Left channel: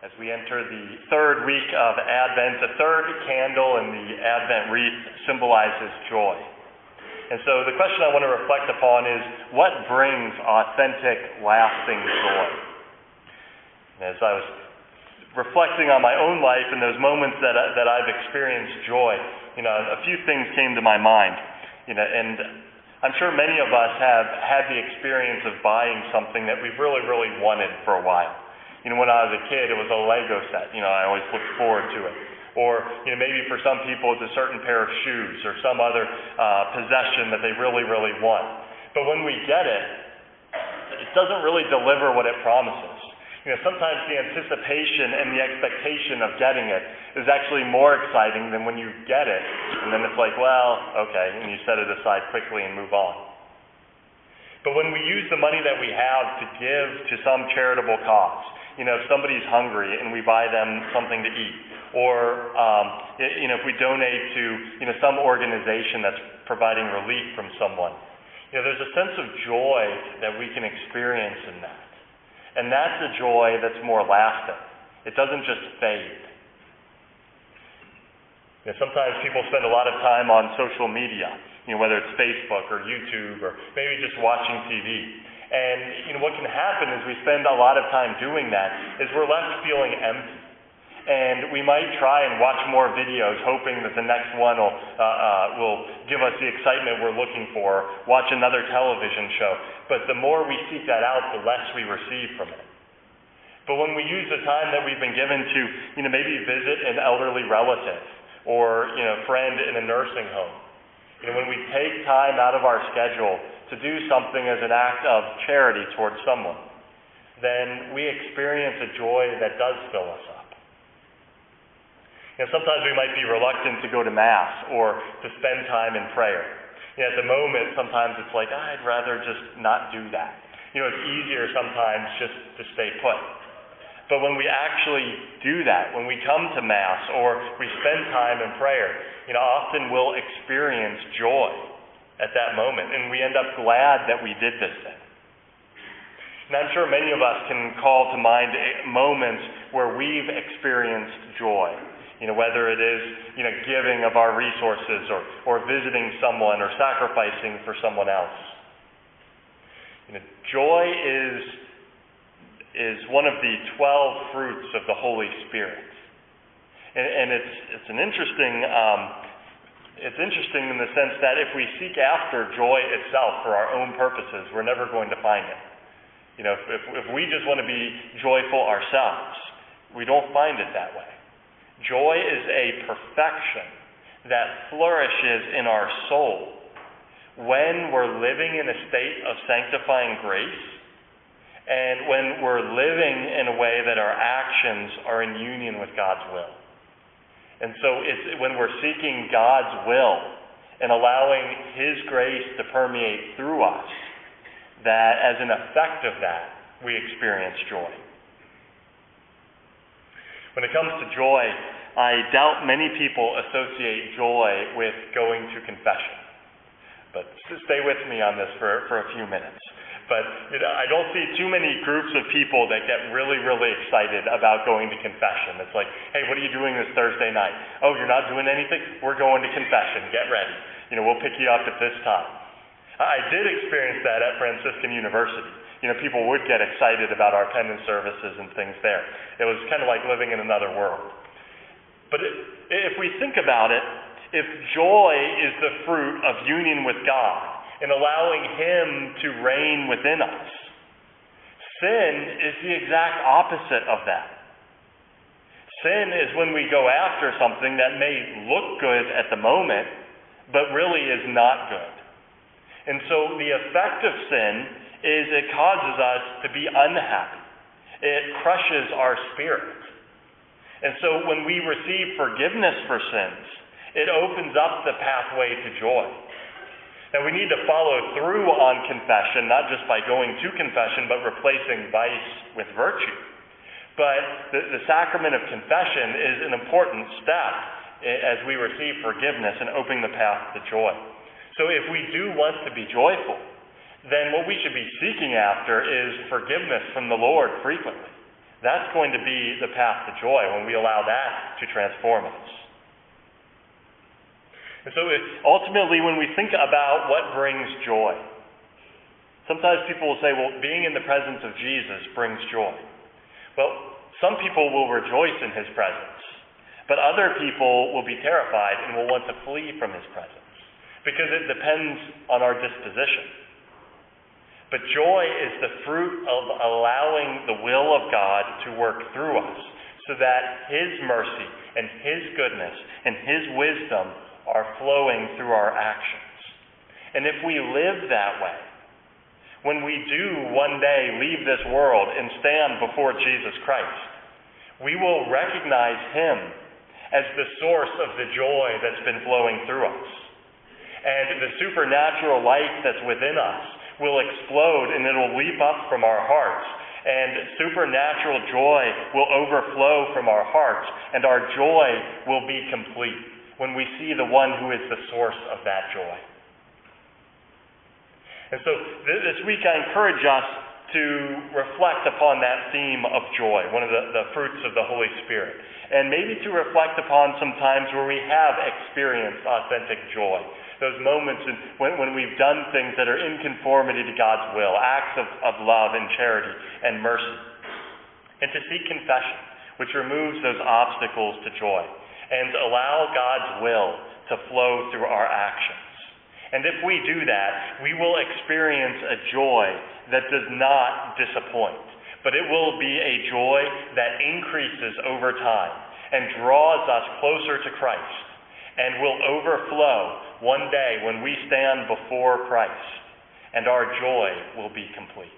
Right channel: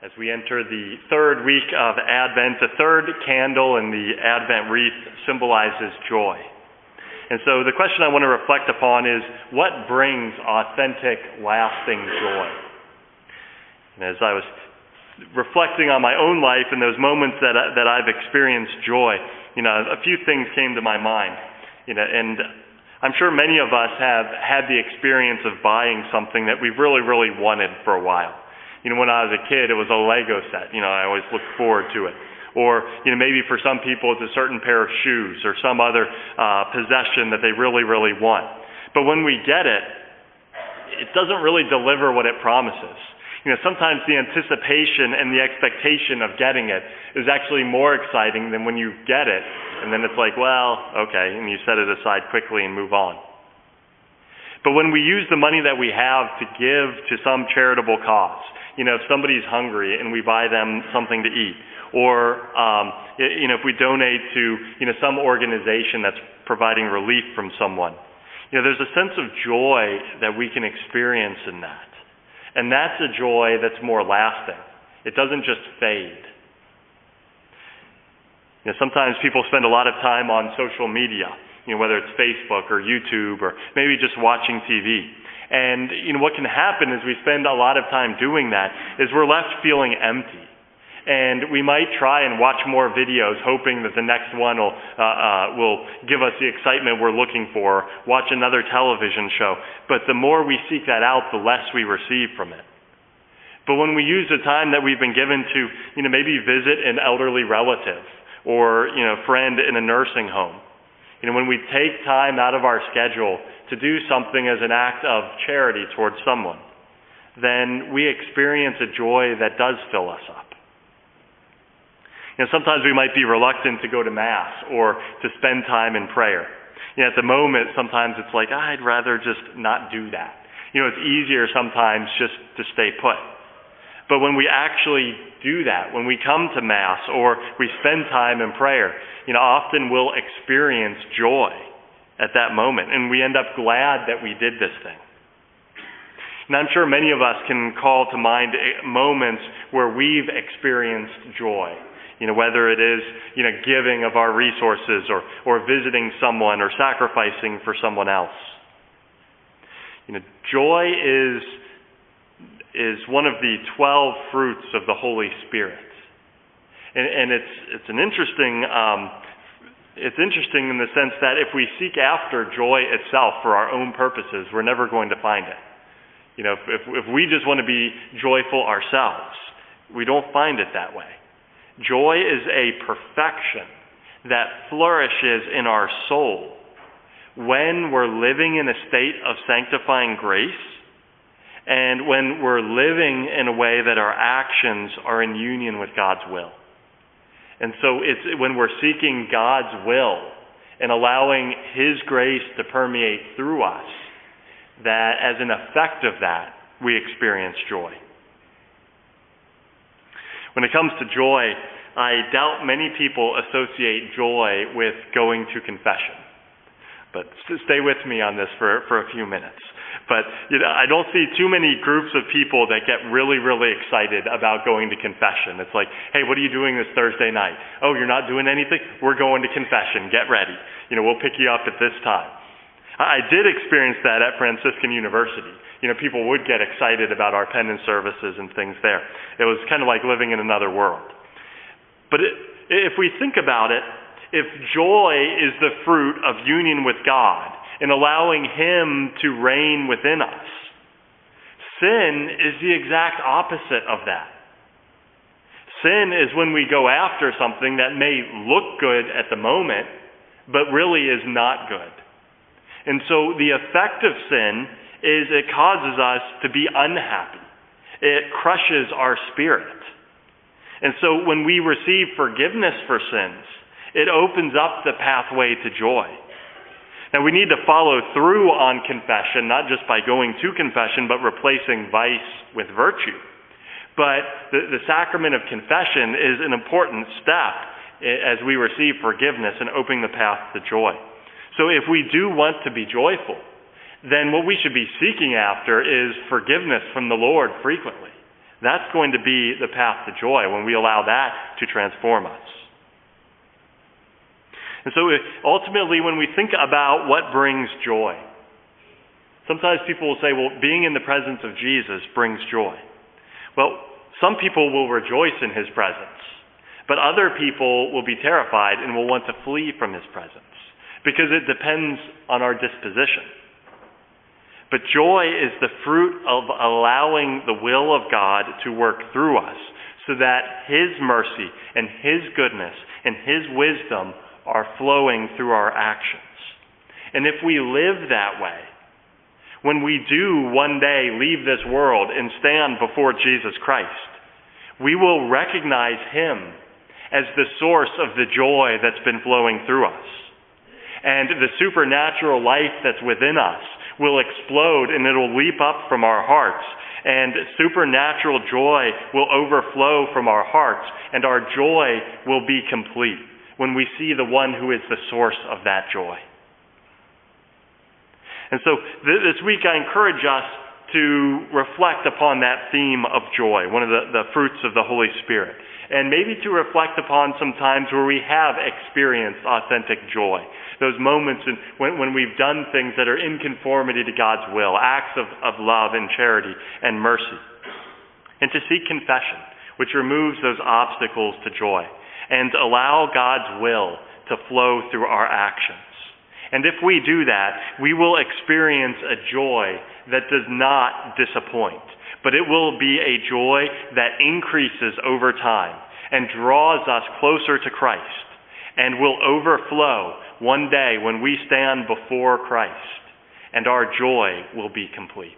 As we enter the third week of Advent, the third candle in the Advent wreath symbolizes joy. And so the question I want to reflect upon is, what brings authentic, lasting joy? And as I was reflecting on my own life and those moments that I've experienced joy, a few things came to my mind. And I'm sure many of us have had the experience of buying something that we've really, really wanted for a while. When I was a kid, it was a Lego set. I always looked forward to it. Or, maybe for some people it's a certain pair of shoes or some other possession that they really, really want. But when we get it, it doesn't really deliver what it promises. Sometimes the anticipation and the expectation of getting it is actually more exciting than when you get it. And then it's like, well, okay, and you set it aside quickly and move on. But when we use the money that we have to give to some charitable cause, if somebody's hungry and we buy them something to eat, or if we donate to some organization that's providing relief from someone, there's a sense of joy that we can experience in that. And that's a joy that's more lasting. It doesn't just fade. Sometimes people spend a lot of time on social media, whether it's Facebook or YouTube or maybe just watching TV. And what can happen is we spend a lot of time doing that is we're left feeling empty. And we might try and watch more videos hoping that the next one will give us the excitement we're looking for, watch another television show. But the more we seek that out, the less we receive from it. But when we use the time that we've been given to maybe visit an elderly relative or friend in a nursing home, when we take time out of our schedule to do something as an act of charity towards someone, then we experience a joy that does fill us up. Sometimes we might be reluctant to go to Mass or to spend time in prayer. At the moment, sometimes it's like, I'd rather just not do that. It's easier sometimes just to stay put. But when we actually do that, when we come to Mass or we spend time in prayer, often we'll experience joy at that moment, and we end up glad that we did this thing. And I'm sure many of us can call to mind moments where we've experienced joy. Whether it is, giving of our resources or visiting someone or sacrificing for someone else. Joy is one of the 12 fruits of the Holy Spirit. And it's interesting in the sense that if we seek after joy itself for our own purposes, we're never going to find it. If we just want to be joyful ourselves, we don't find it that way. Joy is a perfection that flourishes in our soul when we're living in a state of sanctifying grace and when we're living in a way that our actions are in union with God's will. And so it's when we're seeking God's will and allowing His grace to permeate through us that as an effect of that, we experience joy. When it comes to joy, I doubt many people associate joy with going to confession. But stay with me on this for a few minutes. But I don't see too many groups of people that get really, really excited about going to confession. It's like, hey, what are you doing this Thursday night? Oh, you're not doing anything? We're going to confession. Get ready. We'll pick you up at this time. I did experience that at Franciscan University. People would get excited about our penance services and things there. It was kind of like living in another world. But if we think about it, if joy is the fruit of union with God and allowing Him to reign within us, sin is the exact opposite of that. Sin is when we go after something that may look good at the moment, but really is not good. And so the effect of sin is it causes us to be unhappy. It crushes our spirit. And so when we receive forgiveness for sins, it opens up the pathway to joy. Now we need to follow through on confession, not just by going to confession, but replacing vice with virtue. But the sacrament of confession is an important step as we receive forgiveness and opening the path to joy. So if we do want to be joyful, then what we should be seeking after is forgiveness from the Lord frequently. That's going to be the path to joy when we allow that to transform us. And so ultimately, when we think about what brings joy, sometimes people will say, well, being in the presence of Jesus brings joy. Well, some people will rejoice in his presence, but other people will be terrified and will want to flee from his presence because it depends on our disposition. But joy is the fruit of allowing the will of God to work through us so that his mercy and his goodness and his wisdom are flowing through our actions. And if we live that way, when we do one day leave this world and stand before Jesus Christ, we will recognize him as the source of the joy that's been flowing through us. And the supernatural life that's within us will explode and it'll leap up from our hearts. And supernatural joy will overflow from our hearts, and our joy will be complete when we see the one who is the source of that joy. And so this week I encourage us to reflect upon that theme of joy, one of the fruits of the Holy Spirit, and maybe to reflect upon some times where we have experienced authentic joy, those moments when we've done things that are in conformity to God's will, acts of love and charity and mercy, and to seek confession, which removes those obstacles to joy, and allow God's will to flow through our actions. And if we do that, we will experience a joy that does not disappoint, but it will be a joy that increases over time and draws us closer to Christ and will overflow one day when we stand before Christ, and our joy will be complete.